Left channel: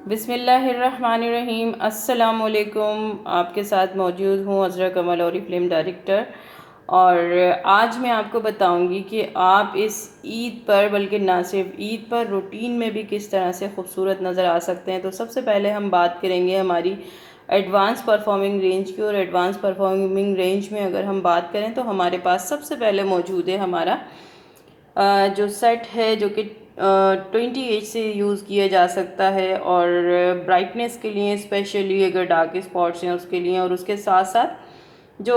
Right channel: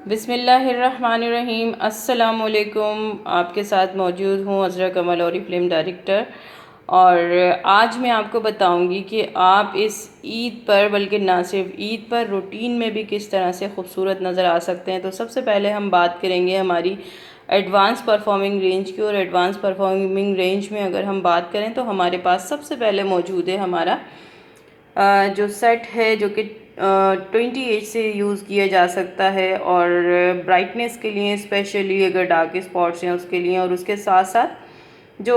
बिस्मिल्लाहिर्रहमानिर्रहीम। अस्सलामुअलैकुम। आपके साथ मौजूद हूँ अज़रा कमल और फिल्म डायरेक्टर। और आज मैं आपको बताऊंगी कि आप इस ईद पर, बल्कि ना सिर्फ ईद पर, रूटीन में भी किस तरह से खूबसूरत नज़र आ सकते हैं। तो सबसे पहले हम बात करेंगे हमारी एडवांस परफॉर्मिंग रेंज की। और एडवांस परफॉर्मिंग रेंज में अगर हम बात करें तो हमारे पास सबसे पहले मौजूद है हमारा जो सेट है, जो कि 20H से यूज़ किया जा सकता है। और ब्राइटनेस के लिए, स्पेशली अगर डार्क स्पॉट्स हैं उसके लिए, और उसके साथ साथ जो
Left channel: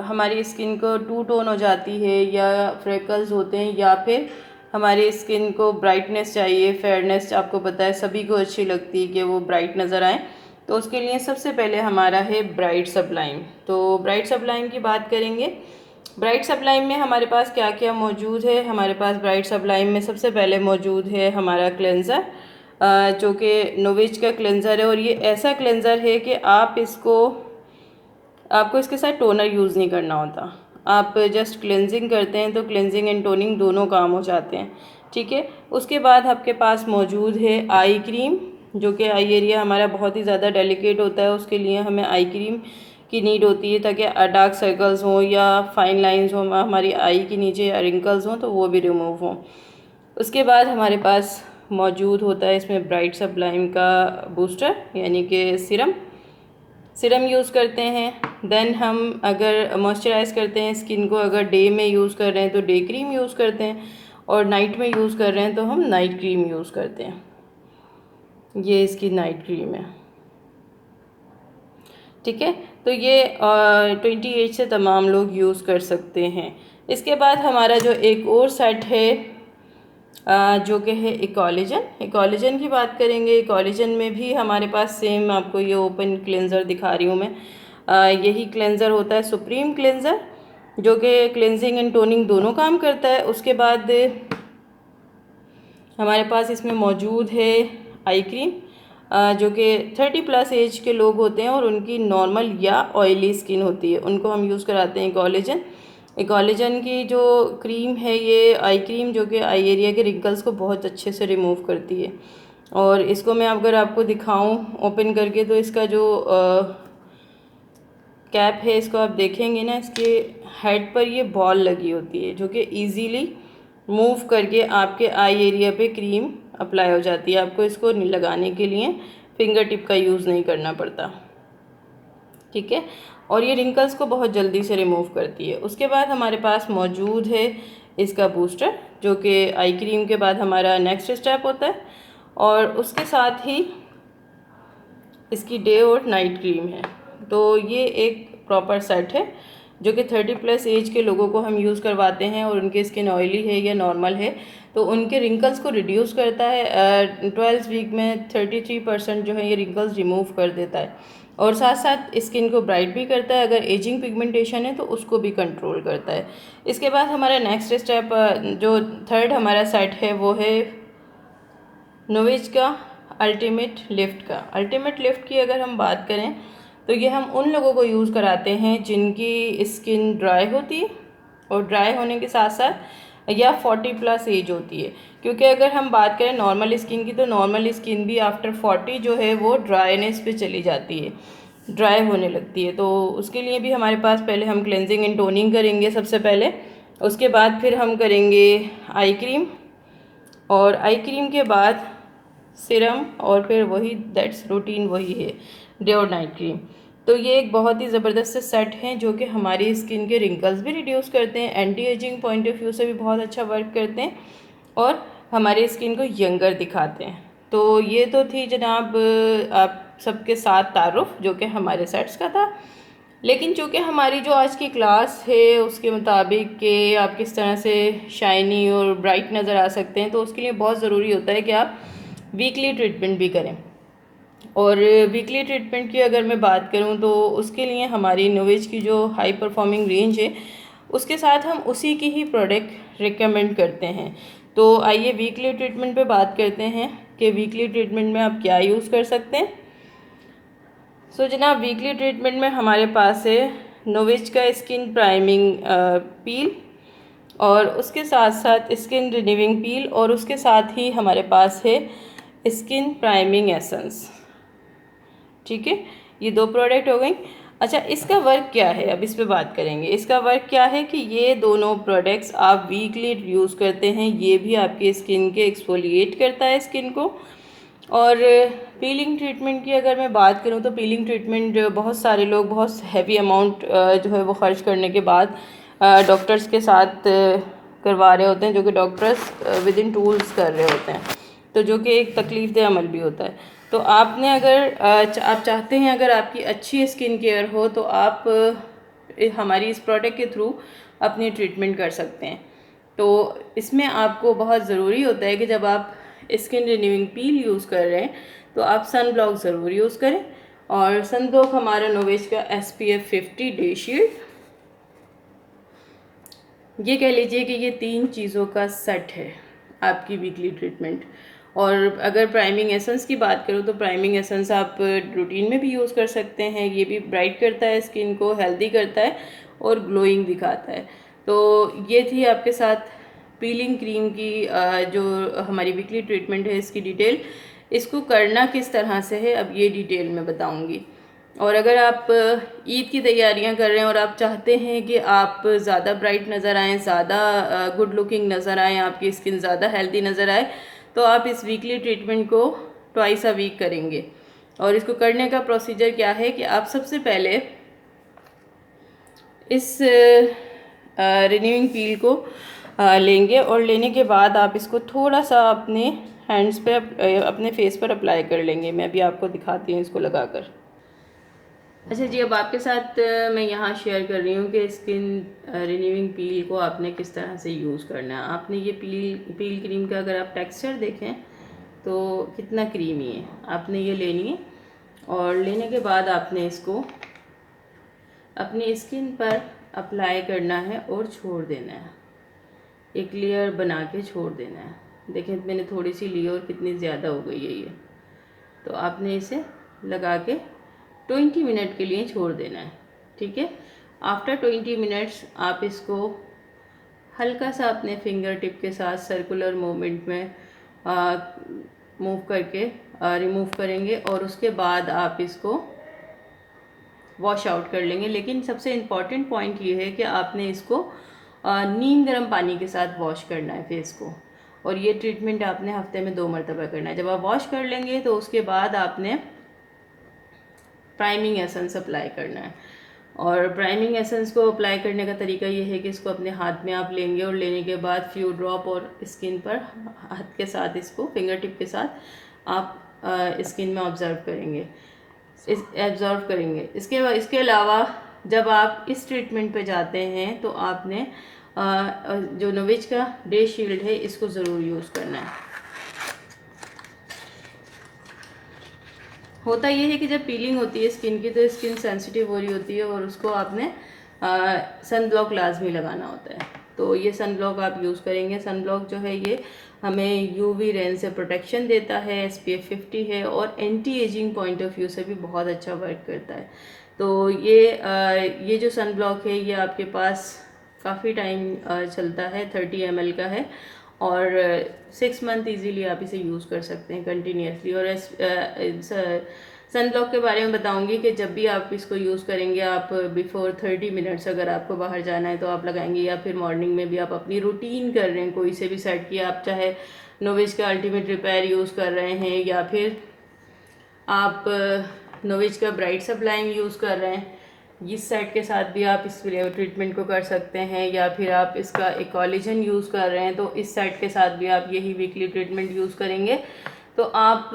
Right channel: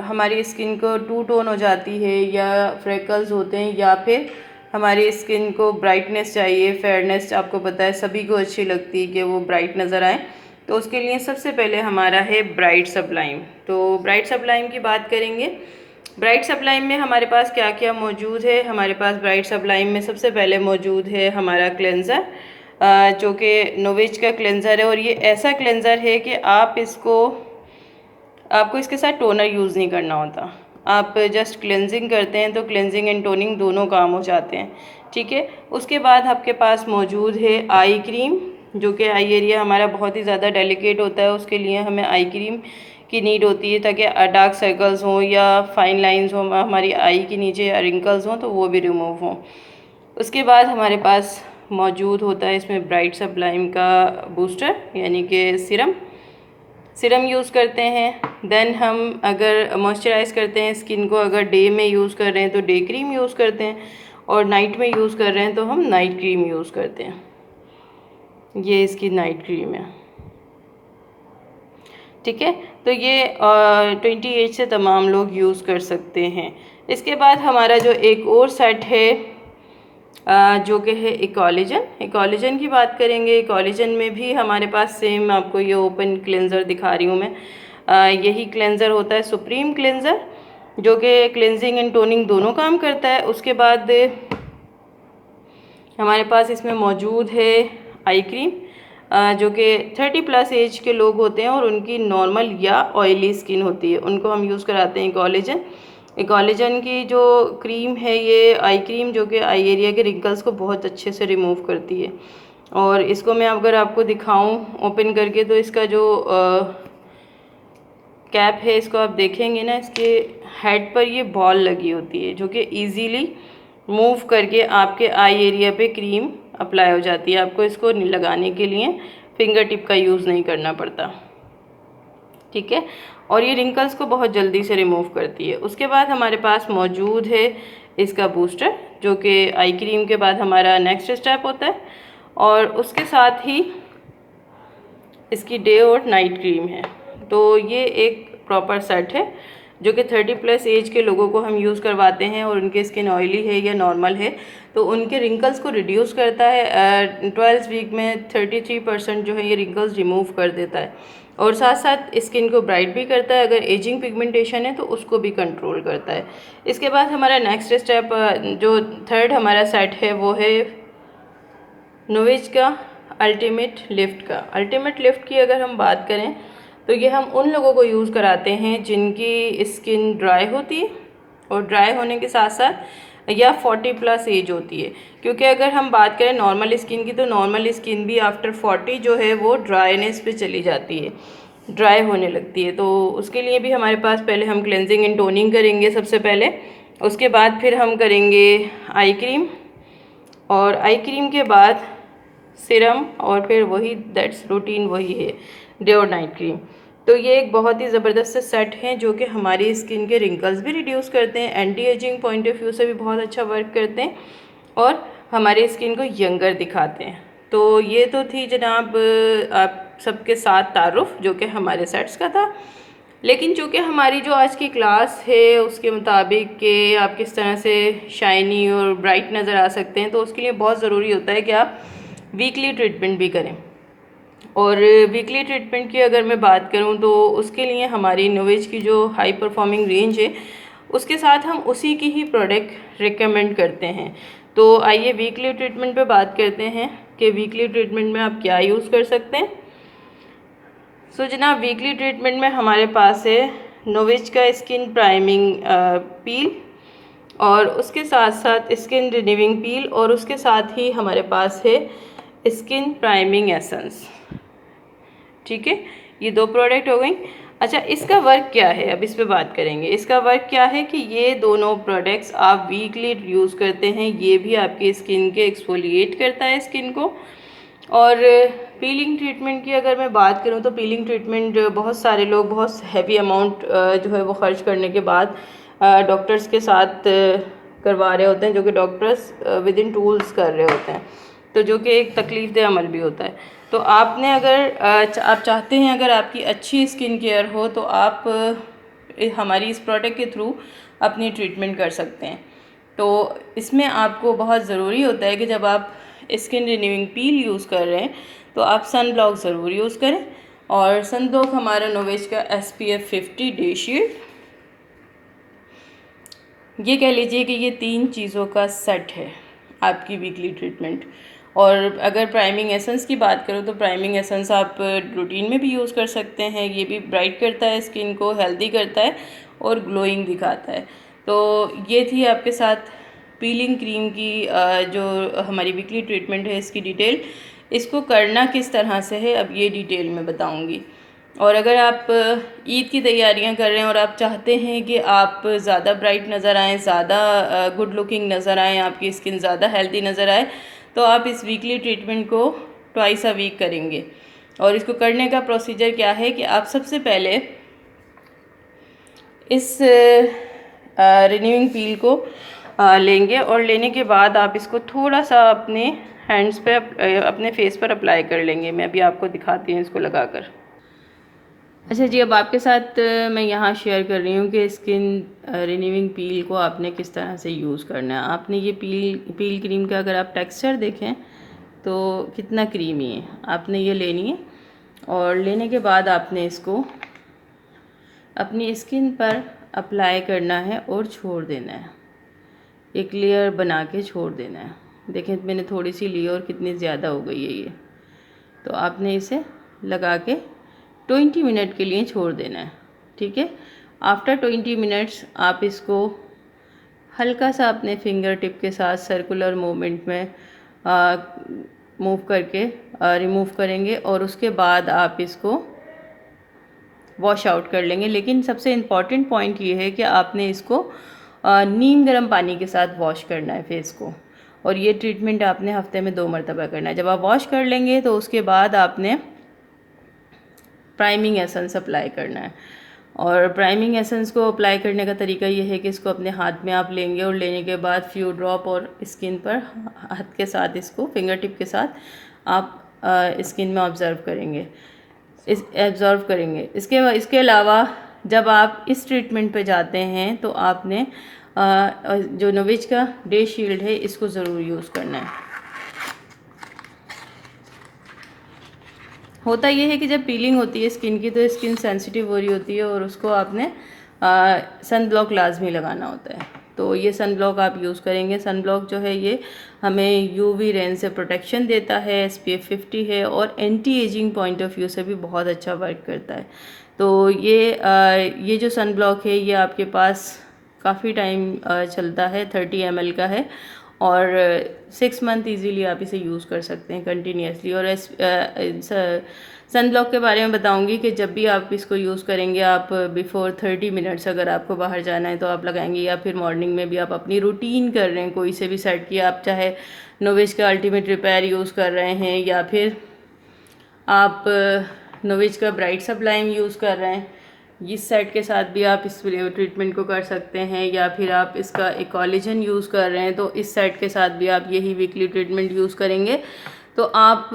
हमारी स्किन को टू टोन हो जाती है या फ्रेकल्स होते हैं, या फिर हमारी स्किन को ब्राइटनेस चाहिए, फेयरनेस आपको पता है सभी को अच्छी लगती है कि वो ब्राइट नज़र आए। तो उसके लिए सबसे पहले हमारा है ब्राइट सब्लाइम। तो ब्राइट सब्लाइम की बात करेंगे। ब्राइट सब्लाइम में हमारे पास क्या क्या मौजूद है। हमारे पास ब्राइट सब्लाइम में सबसे पहले मौजूद है हमारा क्लेंज़र, जो कि नोविच का क्लेंज़र है। और ये ऐसा क्लेंज़र है कि आपको इसके साथ टोनर यूज़ नहीं करना होता। आप जस्ट क्लेंजिंग करते हैं तो क्लेंजिंग एंड टोनिंग दोनों काम हो जाते हैं, ठीक है। उसके बाद आपके पास मौजूद है आई क्रीम, जो कि आई एरिया हमारा बहुत ही ज़्यादा डेलिकेट होता है। उसके लिए हमें आई क्रीम की नीड होती है, ताकि डार्क सर्कल्स हों या फाइन लाइंस हों हमारी आई के नीचे, रिंकल्स हों, तो वो भी रिमूव हों। उसके बाद हमारे पास मौजूद होता है इसमें ब्राइट सब्लाइम का बूस्टर, यानी कि सिरम यूज़ करते हैं। देन हम अगर मॉइस्चराइज़ करते हैं स्किन को, अगर डे में यूज़ कर रहे हैं तो डे क्रीम यूज़ करते हैं, और नाइट में यूज़ कर रहे हैं तो हम नाइट क्रीम यूज़ करते हैं। ये इसकी नाइट क्रीम है, ठीक है। तो ये 20H से तमाम लोग यूज़ कर सकते हैं। इसके बाद हमारा जो एक और सेट है जो कि है इकोलिजन की बात करेंगे। इकोलिजन में भी हमारे पास सेम, आपको ये ओपन क्लेंज़र दिखा रही हूँ मैं, यही क्लेंज़र होता है सुप्रीम क्लेंज़र, जो कि क्लेंजिंग एंड टोनिंग दोनों काम करता है। उसके बाद हमारे पास इसमें मौजूद है आई क्रीम, जो कि 30+ एज के लोग होते हैं और उनकी नॉर्मल या ऑयली स्किन होती है, उनको हम यूज़ कराते हैं इकोलिजन की जो क्रीम है, ये आई क्रीम, जो कि आई एरिया के रिंकल्स को बहुत अच्छे से रिमूव करती है। और इसको मैं अगर आपको दिखाऊं ओपन करके, तो इसका जो कैप है, इसको आप देखेंगे ना, इसके हेड पर ये बॉल लगी होती है, जो कि इजीली मूव करके आपके आई एरिया पे क्रीम अप्लाई हो जाती है। आपको इसको लगाने के लिए फिंगर टिप का यूज़ नहीं करना पड़ता, ठीक है। और ये रिंकल्स को बहुत जल्दी से रिमूव करती है। उसके बाद हमारे पास मौजूद है इसका बूस्टर, जो कि आई क्रीम के बाद हमारा नेक्स्ट स्टेप होता है। और उसके साथ ही इसकी डे और नाइट क्रीम है। तो ये एक प्रॉपर सेट है जो कि 30+ एज के लोगों को हम यूज़ करवाते हैं, और उनकी स्किन ऑयली है या नॉर्मल है तो उनके रिंकल्स को रिड्यूस करता है। 12 वीक में 33% जो है ये रिंकल्स रिमूव कर देता है, और साथ साथ स्किन को ब्राइट भी करता है। अगर एजिंग पिगमेंटेशन है तो उसको भी कंट्रोल करता है। इसके बाद हमारा नेक्स्ट स्टेप, जो थर्ड हमारा सेट है, वो है नोविच का अल्टीमेट लिफ्ट की अगर हम बात करें तो ये हम उन लोगों को यूज़ कराते हैं जिनकी स्किन ड्राई होती है, और ड्राई होने के साथ साथ या 40+ एज होती है। क्योंकि अगर हम बात करें नॉर्मल स्किन की, तो नॉर्मल स्किन भी आफ्टर 40 जो है वो ड्राईनेस पे चली जाती है, ड्राई होने लगती है। तो उसके लिए भी हमारे पास पहले हम क्लेंजिंग एंड टोनिंग करेंगे सबसे पहले। उसके बाद फिर हम करेंगे आई क्रीम, और आई क्रीम के बाद सिरम, और फिर वही दैट्स रूटीन वही है, डे और नाइट क्रीम। तो ये एक बहुत ही ज़बरदस्त सेट हैं जो कि हमारी स्किन के रिंकल्स भी रिड्यूस करते हैं, anti ageing point of view से भी बहुत अच्छा वर्क करते हैं, और हमारी स्किन को यंगर दिखाते हैं। तो ये तो थी जनाब आप सबके साथ तारुफ जो कि हमारे सेट्स का था। लेकिन चूँकि हमारी जो आज की क्लास है उसके मुताबिक कि आप किस तरह से शाइनी और ब्राइट नज़र आ सकते हैं, तो उसके लिए बहुत ज़रूरी होता है कि आप वीकली ट्रीटमेंट भी करें। और वीकली ट्रीटमेंट की अगर मैं बात करूं तो उसके लिए हमारी नोविच की जो हाई परफॉर्मिंग रेंज है उसके साथ हम उसी की ही प्रोडक्ट रिकमेंड करते हैं। तो आइए वीकली ट्रीटमेंट पे बात करते हैं कि वीकली ट्रीटमेंट में आप क्या यूज़ कर सकते हैं। सो जनाब, वीकली ट्रीटमेंट में हमारे पास है नोविच का स्किन प्राइमिंग पील, और उसके साथ साथ स्किन रिन्यूइंग पील, और उसके साथ ही हमारे पास है स्किन प्राइमिंग एसेंस। ठीक है, ये 2 प्रोडक्ट हो गई। अच्छा, इसका वर्क क्या है, अब इस पे बात करेंगे। इसका वर्क क्या है कि ये दोनों प्रोडक्ट्स आप वीकली यूज़ करते हैं, ये भी आपकी स्किन के एक्सफोलिएट करता है स्किन को। और पीलिंग ट्रीटमेंट की अगर मैं बात करूँ तो पीलिंग ट्रीटमेंट बहुत सारे लोग बहुत हैवी अमाउंट जो है वो खर्च करने के बाद डॉक्टर्स के साथ करवा रहे होते हैं, जो कि डॉक्टर्स विद इन टूल्स कर रहे होते हैं, तो जो कि एक तकलीफ़देह अमल भी होता है। तो आपने अगर आप चाहते हैं अगर आपकी अच्छी स्किन केयर हो तो आप हमारी इस प्रोडक्ट के थ्रू अपनी ट्रीटमेंट कर सकते हैं। तो इसमें आपको बहुत ज़रूरी होता है कि जब आप स्किन रिन्यूइंग पील यूज़ कर रहे हैं तो आप सन ब्लॉक ज़रूर यूज़ करें। और सन ब्लॉक हमारा नोवेज का SPF 50 डे शील्ड, ये कह लीजिए कि ये 3 चीज़ों का सेट है आपकी वीकली ट्रीटमेंट। और अगर प्राइमिंग एसेंस की बात करूँ तो प्राइमिंग एसेंस आप रूटीन में भी यूज़ कर सकते हैं। ये भी ब्राइट करता है स्किन को, हेल्दी करता है और ग्लोइंग दिखाता है। तो ये थी आपके साथ पीलिंग क्रीम की जो हमारी वीकली ट्रीटमेंट है, इसकी डिटेल। इसको करना किस तरह से है अब ये डिटेल में बताऊँगी। और अगर आप ईद की तैयारियां कर रहे हैं और आप चाहते हैं कि आप ज़्यादा ब्राइट नज़र आएँ, ज़्यादा गुड लुकिंग नज़र आएँ, आपकी स्किन ज़्यादा हेल्दी नज़र आए, तो आप इस वीकली ट्रीटमेंट को ट्वाइस अ वीक करेंगे। और इसको करने का प्रोसीजर क्या है कि आप सबसे पहले इस रिन्यूइंग पील को लेंगे और लेने के बाद आप इसको थोड़ा सा अपने हैंड्स पे अपने फेस पर अप्लाई कर लेंगे। मैं अभी आपको दिखाती हूँ इसको लगाकर। अच्छा जी, अब आपके साथ मैं यहाँ शेयर कर रही हूँ कि स्किन रिन्यूइंग पील को आपने किस तरह से यूज़ करना है। आपने ये पील क्रीम का अगर आप टेक्सचर देखें तो कितना क्रीमी है। आपने ये लेनी है और लेने के बाद आपने इसको अपनी स्किन पर अप्लाई करना है और छोड़ देना है, एक लेयर बना के छोड़ देना है। देखें मैंने थोड़ी सी ली और कितनी ज़्यादा हो गई है ये। तो आपने इसे लगा के 20 मिनट के लिए छोड़ देना है। ठीक है, आफ्टर 20 मिनट्स आप इसको हल्का सा अपने फिंगर टिप के साथ सर्कुलर मूवमेंट में मूव करके रिमूव करेंगे और उसके बाद आप इसको वॉश आउट कर लेंगे। लेकिन सबसे इम्पॉर्टेंट पॉइंट ये है कि आपने इसको नीम गर्म पानी के साथ वॉश करना है फेस को। और ये ट्रीटमेंट आपने हफ्ते में 2 मरतबा करना है। जब आप वॉश कर लेंगे तो उसके बाद आपने प्राइमिंग एसेंस अप्लाई करना है। और प्राइमिंग एसेंस को अप्लाई करने का तरीका ये है कि इसको अपने हाथ में आप लेंगे और लेने के बाद फ्यू ड्रॉप और स्किन पर हाथ के साथ इसको फिंगर टिप के साथ आप स्किन में ऑब्ज़र्व करेंगे, इसके अलावा जब आप इस ट्रीटमेंट पे जाते हैं तो आपने जो नोवेज का डे शील्ड है इसको ज़रूर यूज़ करना है। होता ये है कि जब पीलिंग होती है स्किन की तो स्किन सेंसिटिव हो रही होती है और उसको आपने सन ब्लॉक लाजमी लगाना होता है। तो ये सन ब्लॉक आप यूज़ करेंगे। सन ब्लॉक जो है ये हमें यूवी रेन से प्रोटेक्शन देता है, SPF 50 है और anti ageing point of view से भी बहुत अच्छा वर्क करता है। तो ये जो सन ब्लॉक है ये आपके पास काफ़ी टाइम चलता है, 30 ml का है और 6 मंथ ईजीली आप इसे यूज़ कर सकते हैं कंटिन्यूसली। और सन ब्लॉक के बारे में बताऊंगी कि जब भी आप इसको यूज़ करेंगे आप बिफोर 30 मिनट्स अगर आपको बाहर जाना है तो आप लगाएंगे, या फिर मॉर्निंग में भी आप अपनी रूटीन कर रहे हैं कोई से भी सेट किया, आप चाहे नोवेज का अल्टीमेट रिपेयर यूज़ कर रहे हैं या फिर आप नोवेज का ब्राइट सप्लाइंग यूज़ कर रहे हैं, इस सेट के साथ भी आप इस ट्रीटमेंट को कर सकते हैं। या फिर आप इसका एक कोलेजन यूज़ कर रहे हैं तो इस सेट के साथ भी आप यही वीकली ट्रीटमेंट यूज़ करेंगे। तो आप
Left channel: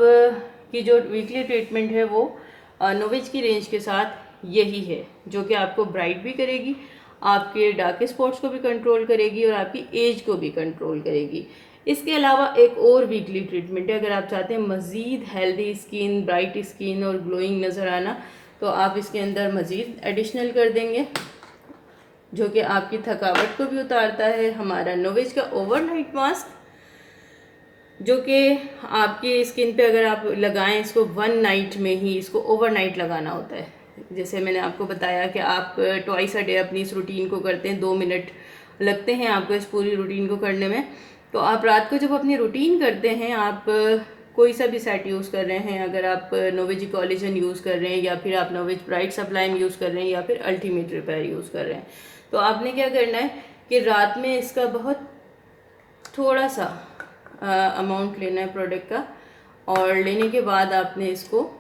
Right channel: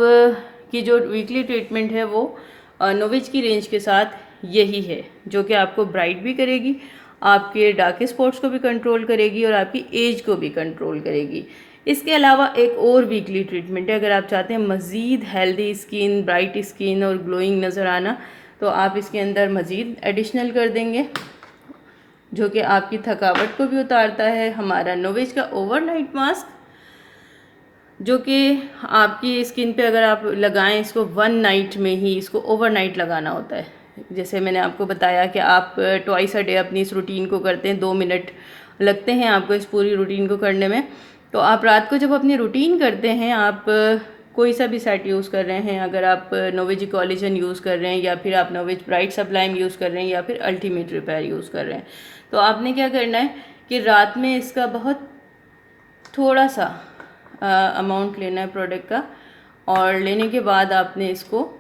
की जो वीकली ट्रीटमेंट है वो नोवेज की रेंज के साथ यही है, जो कि आपको ब्राइट भी करेगी, आपके डार्क स्पॉट्स को भी कंट्रोल करेगी और आपकी एज को भी कंट्रोल करेगी। इसके अलावा एक और वीकली ट्रीटमेंट है, अगर आप चाहते हैं मज़ीद हेल्दी स्किन, ब्राइट स्किन और ग्लोइंग नज़र आना तो आप इसके अंदर मज़ीद एडिशनल कर देंगे, जो कि आपकी थकावट को भी उतारता है। हमारा नोवेज का ओवरनाइट मास्क, जो कि आपकी स्किन पे अगर आप लगाएं इसको 1 नाइट में ही, इसको ओवरनाइट लगाना होता है। जैसे मैंने आपको बताया कि आप ट्वाइस अ डे अपनी इस रूटीन को करते हैं, 2 मिनट लगते हैं आपको इस पूरी रूटीन को करने में। तो आप रात को जब अपनी रूटीन करते हैं आप कोई सा भी सेट यूज़ कर रहे हैं, अगर आप नोवेज कॉलेजन यूज़ कर रहे हैं या फिर आप नोवेज ब्राइट सब्लाइम यूज़ कर रहे हैं या फिर अल्टीमेट रिपेयर यूज़ कर रहे हैं, तो आपने क्या करना है कि रात में इसका बहुत थोड़ा सा अमाउंट लेना है प्रोडक्ट का, और लेने के बाद आपने इसको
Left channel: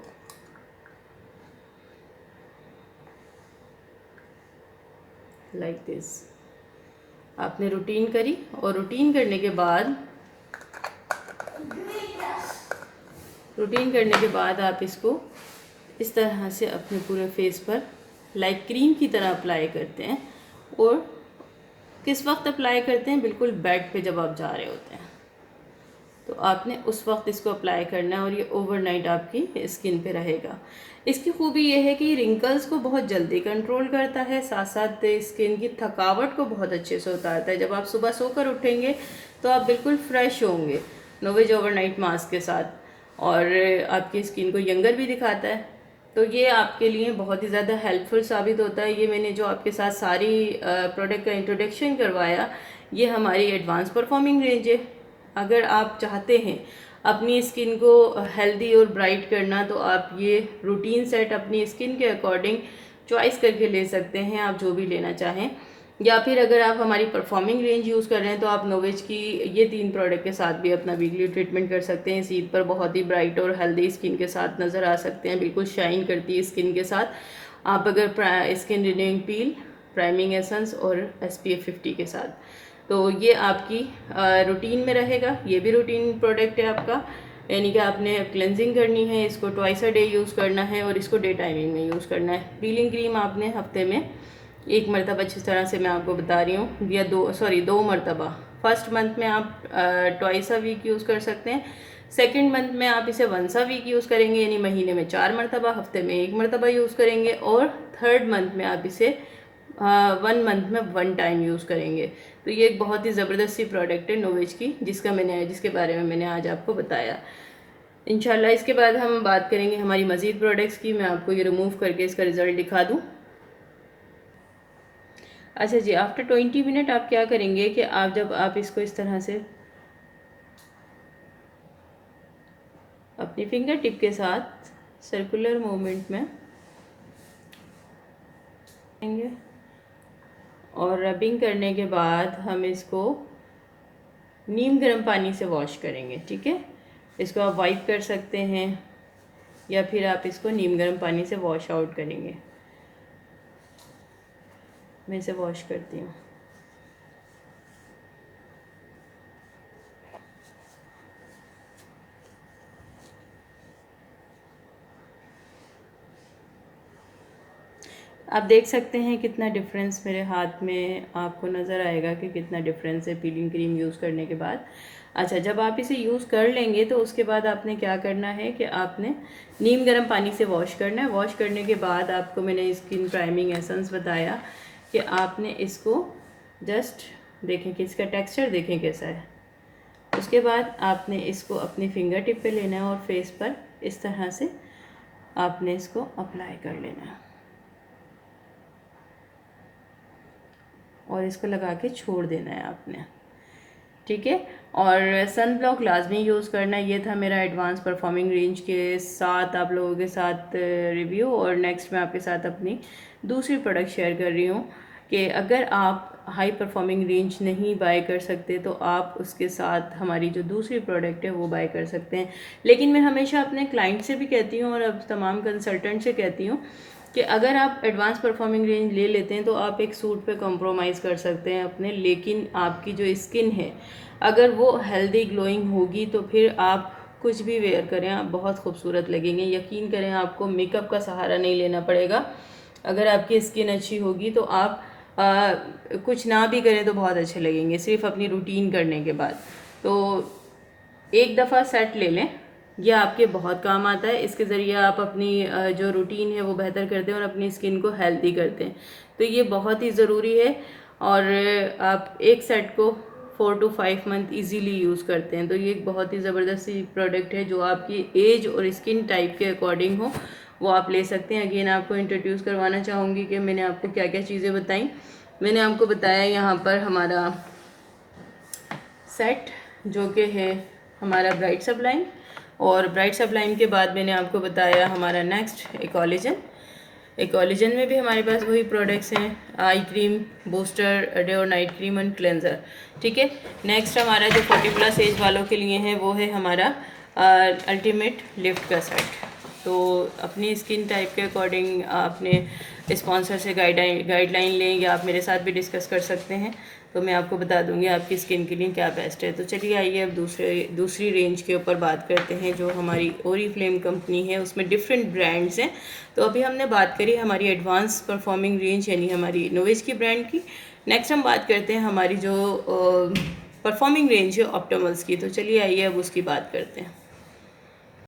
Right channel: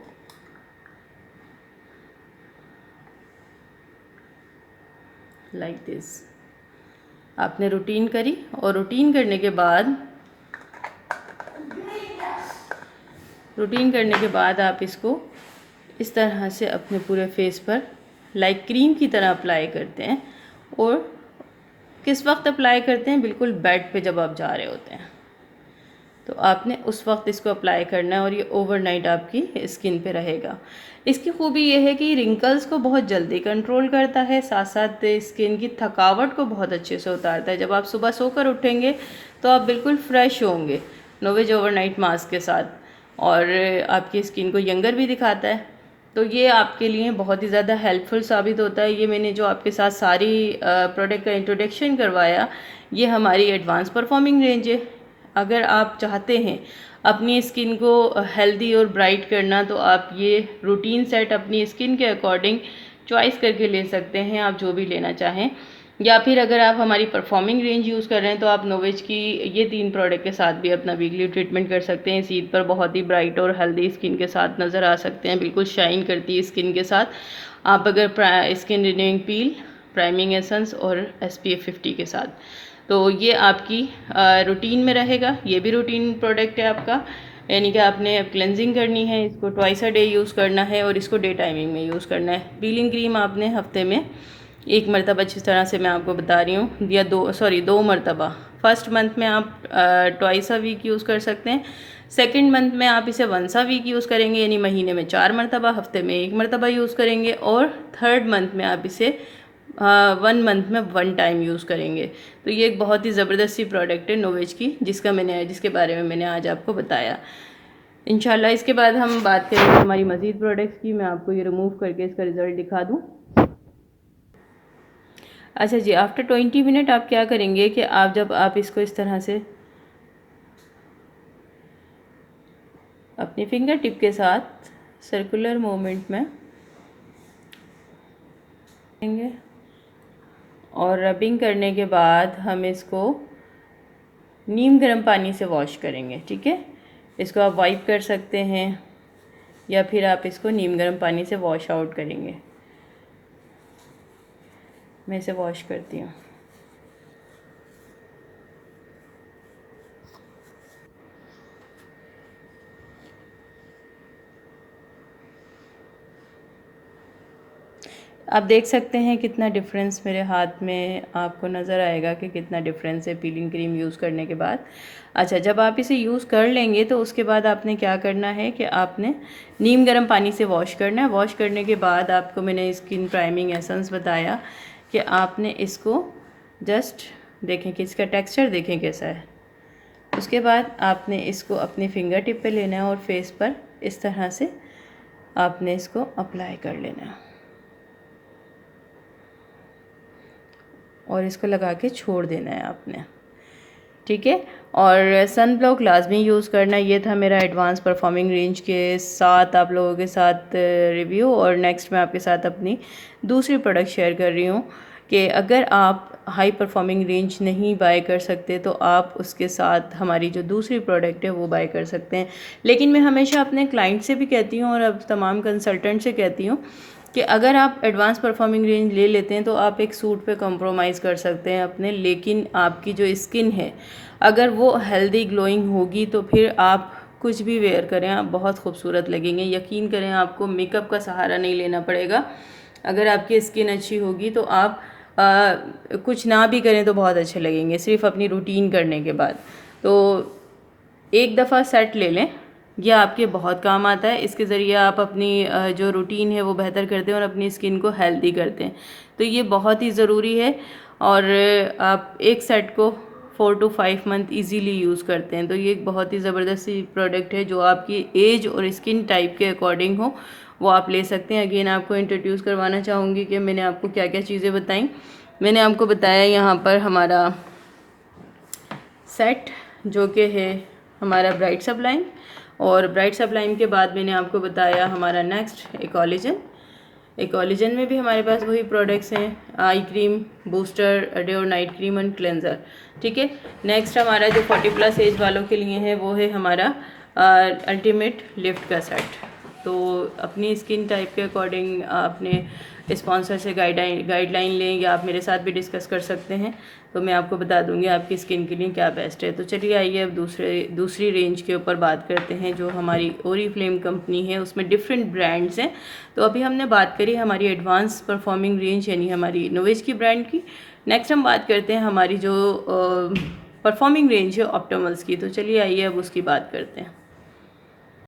लाइक दिस आपने रूटीन करी, और रूटीन करने के बाद आप इसको इस तरह से अपने पूरे फेस पर लाइक क्रीम की तरह अप्लाई करते हैं। और किस वक्त अप्लाई करते हैं? बिल्कुल बेड पे जब आप जा रहे होते हैं तो आपने उस वक्त इसको अप्लाई करना है, और ये ओवरनाइट आपकी स्किन पे रहेगा। इसकी खूबी ये है कि रिंकल्स को बहुत जल्दी कंट्रोल करता है, साथ साथ स्किन की थकावट को बहुत अच्छे से उतारता है। जब आप सुबह सोकर उठेंगे तो आप बिल्कुल फ्रेश होंगे नोवेज ओवरनाइट मास्क के साथ, और आपकी स्किन को यंगर भी दिखाता है। तो ये आपके लिए बहुत ही ज़्यादा हेल्पफुल साबित होता है। ये मैंने जो आपके साथ सारी प्रोडक्ट का इंट्रोडक्शन करवाया, ये हमारी एडवांस परफॉर्मिंग रेंज है। अगर आप चाहते हैं अपनी स्किन को हेल्दी और ब्राइट करना, तो आप ये रूटीन सेट अपनी स्किन के अकॉर्डिंग चॉइस करके ले सकते हैं, आप जो भी लेना चाहें। या फिर अगर आप हमारी परफॉर्मिंग रेंज यूज़ कर रहे हैं तो आप नोवेज की ये 3 प्रोडक्ट के साथ भी अपना वीकली ट्रीटमेंट कर सकते हैं। इस ईद पर बहुत ही ब्राइट और हेल्दी स्किन के साथ नज़र आ सकते हैं, बिल्कुल शाइन करती है स्किन के साथ। आप अगर स्किन रिन्यूइंग पील, प्राइमिंग एसेंस और SPF 50 के साथ, तो ये आपकी रूटीन में रहेगा। ये भी रूटीन प्रोडक्ट है आपका, यानी कि आपने क्लेंजिंग करनी है, इसको ट्वाइस अ डे यूज़ करना है और इसको डे टाइमिंग में यूज़ करना है। पीलिंग क्रीम आपने हफ्ते में 1 मरतबा, अच्छी तरह से मैं आपको बता रही हूँ, या 2 मरतबा। फर्स्ट मंथ में आप ट्वाइस अ वीक यूज़ कर सकते हैं। सेकेंड मंथ में आप इसे वंस अ वीक यूज़ करेंगे, यानी महीने में 4 मरतबा, हफ्ते में 1 मरतबा यूज़ करेंगे। और थर्ड मंथ में आप इसे 1 मंथ में 1 टाइम यूज़ करेंगे। तो ये एक बहुत ही ज़बरदस्त सी प्रोडक्ट है नोवेज की, जिसके बारे में मैंने आज आपको बताया। इंशाल्लाह इसके बाद हम बात करेंगे हमारी मज़ीद प्रोडक्ट्स की। मैं आपको ये रिमूव करके इसका रिज़ल्ट दिखा दूँ। अच्छा जी, आफ्टर 20 मिनट आप क्या करेंगे कि जब आप इसको इस तरह से अपनी फिंगर टिप के साथ सर्कुलर मूवमेंट में करेंगे, और रबिंग करने के बाद हम इसको नीम गर्म पानी से वॉश करेंगे। ठीक है, इसको आप वाइप कर सकते हैं या फिर आप इसको नीम गर्म पानी से वॉश आउट करेंगे। मैं इसे वॉश करती हूँ। आप देख सकते हैं कितना डिफरेंस मेरे हाथ में आपको नज़र आएगा कि कितना डिफरेंस है पीलिंग क्रीम यूज़ करने के बाद। अच्छा, जब आप इसे यूज़ कर लेंगे तो उसके बाद आपने क्या करना है कि आपने नीम गर्म पानी से वॉश करना है। वॉश करने के बाद आपको मैंने स्किन प्राइमिंग एसेंस बताया कि आपने इसको जस्ट देखें कि इसका टेक्सचर देखें कैसा है। उसके बाद आपने इसको अपनी फिंगर टिप पे लेना है और फेस पर इस तरह से आपने इसको अप्लाई कर लेना है, और इसको लगा के छोड़ देना है आपने। ठीक है, और सन ब्लॉक लाजमी यूज़ करना। ये था मेरा एडवांस परफॉर्मिंग रेंज के साथ आप लोगों के साथ रिव्यू। और नेक्स्ट मैं आपके साथ अपनी दूसरी प्रोडक्ट शेयर कर रही हूँ कि अगर आप हाई परफॉर्मिंग रेंज नहीं बाय कर सकते तो आप उसके साथ हमारी जो दूसरी प्रोडक्ट है वो बाय कर सकते हैं। लेकिन मैं हमेशा अपने क्लाइंट से भी कहती हूँ और अब तमाम कंसल्टेंट से कहती हूँ कि अगर आप एडवांस परफॉर्मिंग रेंज ले लेते हैं तो आप एक सूट पे कॉम्प्रोमाइज़ कर सकते हैं अपने, लेकिन आपकी जो स्किन है अगर वो हेल्दी ग्लोइंग होगी तो फिर आप कुछ भी वेयर करें आप बहुत खूबसूरत लगेंगे। यकीन करें, आपको मेकअप का सहारा नहीं लेना पड़ेगा। अगर आपकी स्किन अच्छी होगी तो आप कुछ ना भी करें तो बहुत अच्छे लगेंगे, सिर्फ अपनी रूटीन करने के बाद। तो एक दफ़ा सेट ले लें, यह आपके बहुत काम आता है। इसके ज़रिए आप अपनी जो रूटीन है वो बेहतर करते हैं और अपनी स्किन को हेल्दी करते हैं। तो ये बहुत ही ज़रूरी है, और आप एक सेट को 4 to 5 मंथ इजीली यूज़ करते हैं। तो ये एक बहुत ही ज़बरदस्त सी प्रोडक्ट है जो आपकी एज और स्किन टाइप के अकॉर्डिंग हो, वो आप ले सकते हैं। अगेन आपको इंट्रोड्यूस करवाना चाहूँगी कि मैंने आपको क्या क्या चीज़ें बताई। मैंने आपको बताया यहाँ पर हमारा सेट जो कि है हमारा ब्राइट सब्लाइम, और ब्राइट सब्लाइम के बाद मैंने आपको बताया हमारा नेक्स्ट इकोलिजन में भी हमारे पास वही प्रोडक्ट्स हैं, आई क्रीम, बूस्टर, डे और नाइट क्रीम एंड क्लेंजर। ठीक है, नेक्स्ट हमारा जो 40+ एज वालों के लिए है वो है हमारा अल्टीमेट लिफ्ट का सेट। तो अपनी स्किन टाइप के अकॉर्डिंग अपने स्पॉन्सर से गाइडलाइन लें या आप मेरे साथ भी डिस्कस कर सकते हैं, तो मैं आपको बता दूंगी आपकी स्किन के लिए क्या बेस्ट है। तो चलिए आइए अब दूसरी रेंज के ऊपर बात करते हैं जो हमारी ओरिफ्लेम कंपनी है, उसमें डिफरेंट ब्रांड्स हैं। तो अभी हमने बात करी हमारी एडवांस परफॉर्मिंग रेंज यानी हमारी नोवेज की ब्रांड की। नेक्स्ट हम बात करते हैं हमारी जो परफॉर्मिंग रेंज है ऑप्टिमल्स की। तो चलिए आइए अब उसकी बात करते हैं।